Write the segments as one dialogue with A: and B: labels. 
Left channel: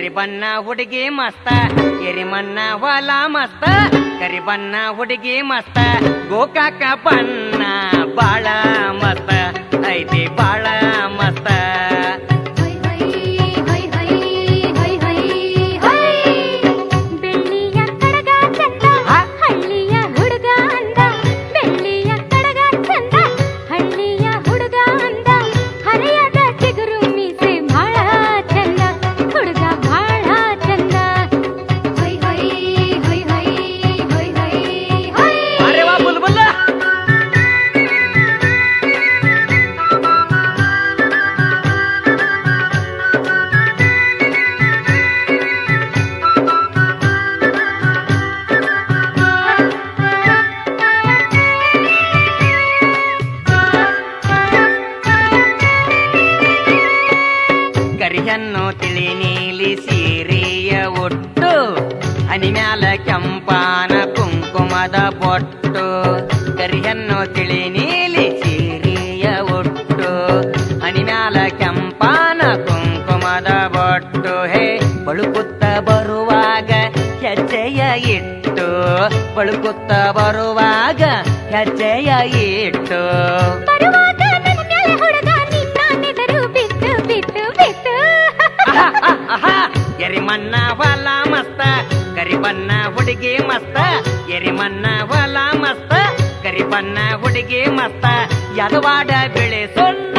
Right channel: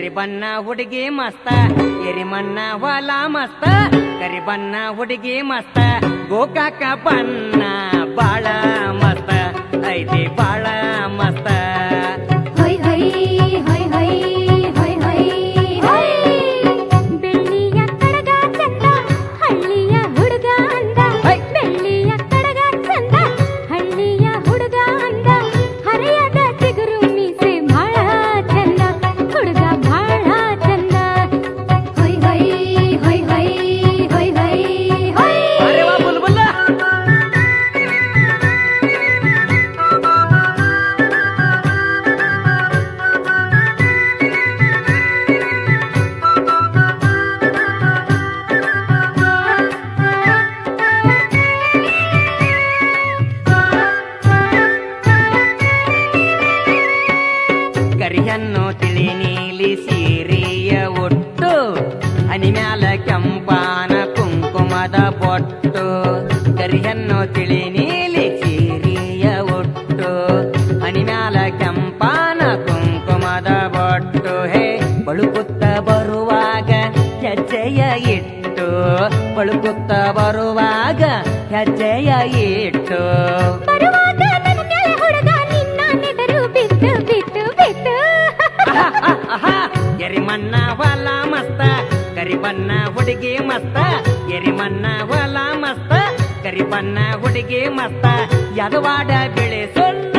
A: ಕರಿಬಣ್ಣ ಹುಡುಗಿ ಮಸ್ತ ಎರಿಮಣ್ಣ ಹೊಲ ಮಸ್ತ ಕರಿಬಣ್ಣ ಹುಡುಗಿ ಮಸ್ತ ಗೋಕಾಕ ಬಣ್ಣ ಬಾಳ ಮಸ್ತ ಐತಿ ಬಾ ಮನಿ ಮ್ಯಾಲ ಕೆಂಪಾನ ಕುಂಕುಮದ ಬೊಟ್ಟು ಕರಿಯನ್ನು ತಿಳಿ ನೀಲಿ ಸೀರಿಯ ಒಟ್ಟು ಹಣಿ ಮ್ಯಾಲ ಕೆಂಪಾನ ಕುಂಕುಮದ ಬೊಟ್ಟು ಹೇ ಬಳುಕುತ್ತ ಬರುವಾಗ ಹೆಜ್ಜೆಯ ಇಟ್ಟು ಬಳುಕುತ್ತ ಬರುವಾಗ ಹೆಜ್ಜೆಯ ಇಟ್ಟು ಎರಿ ಮನ್ನ ಬಲ ಮಸ್ತ ಕರಿಬಣ್ಣ ಹುಡುಗಿ ಮಸ್ತ ಎರಿಮನ್ನ ಹೊಲ ಮಸ್ತ ಕರಿಬಣ್ಣ ಹುಡುಗಿ ಮಸ್ತ ಯದುವಾಡ ಬೆಳೆ ಸೊನ್ನ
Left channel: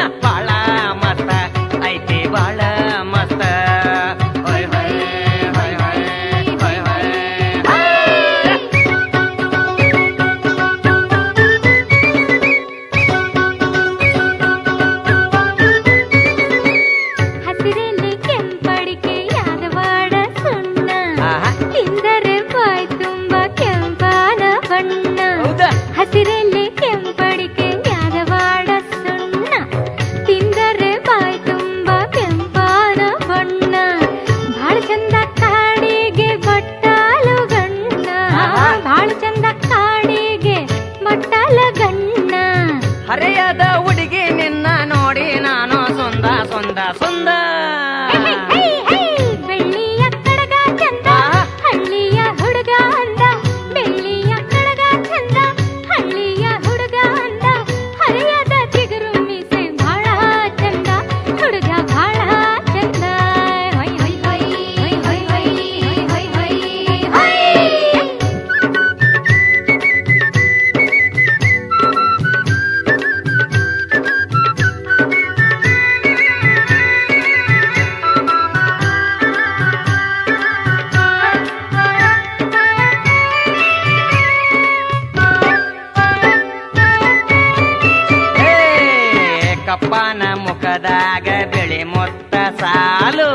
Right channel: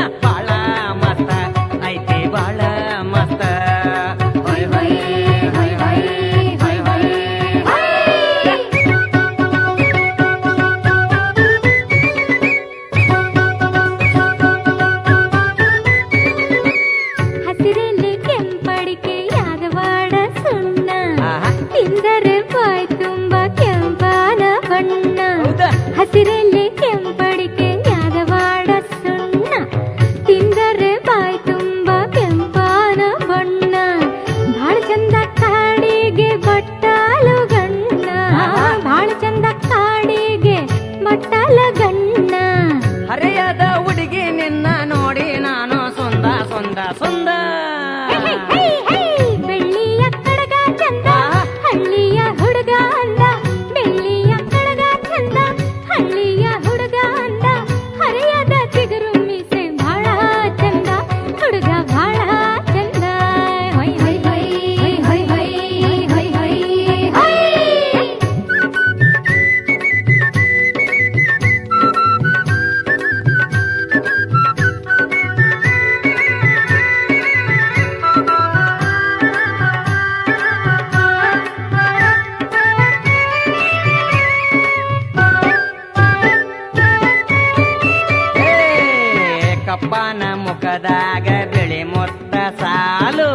A: ಕಪ್ಪನ ಮುಖದಾಗ ಬೆಳೆ ಮೊತ್ತ ಸಾಲು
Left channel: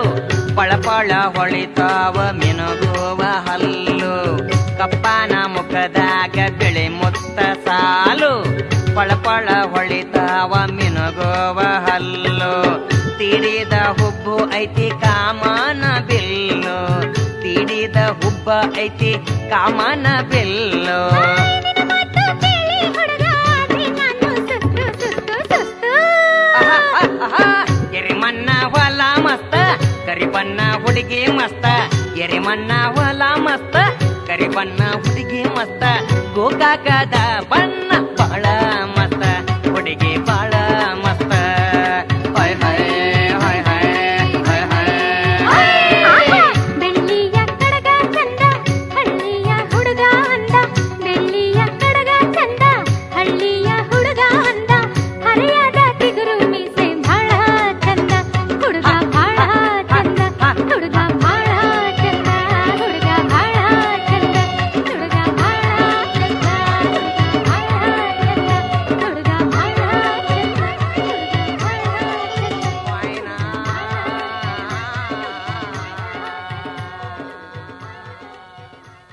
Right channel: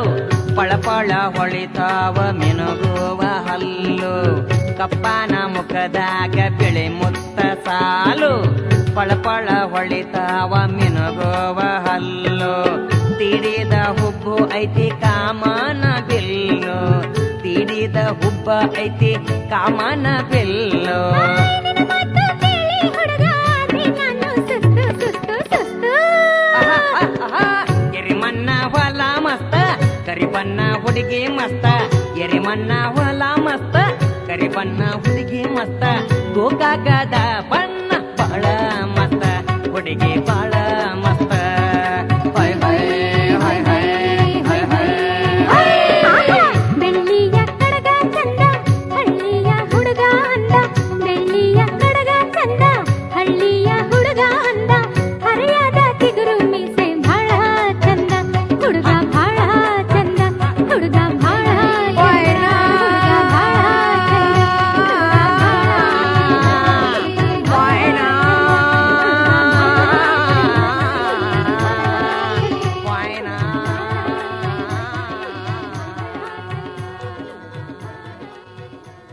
A: ಪಳಪಳ ಹೊಳಿತಾವ ಮಿನುಗುವ ಹಲ್ಲು ಕಪ್ಪನ ಮುಖದಾಗ ಬೆಳೆ ಮೊತ್ತ ಸಾಲು ಪಳಪಳ ಹೊಳಿತಾವ ಮಿನುಗುವ ಹಲ್ಲು ತೀಡಿದ ಹುಬ್ಬು ಐತಿ ಕಾಮನ ಬಿಲ್ಲು ತೀಡಿದ ಹುಬ್ಬ ಐತಿ ಕಾಮನ ಬಿಲ್ಲು ಮಸ್ತ ಎರೆಮಣ್ಣ ಹೊಲ ಮಸ್ತ ಕರಿ ಬಣ್ಣ ಹುಡುಗಿ ಮಸ್ತ ಗೋಕಾಕದ ಬಣ್ಣ ಬಹಳ ಮಸ್ತ ಹುಡುಗಿ ಬಹಳ ಮಸ್ತ
B: ಹುಡುಗ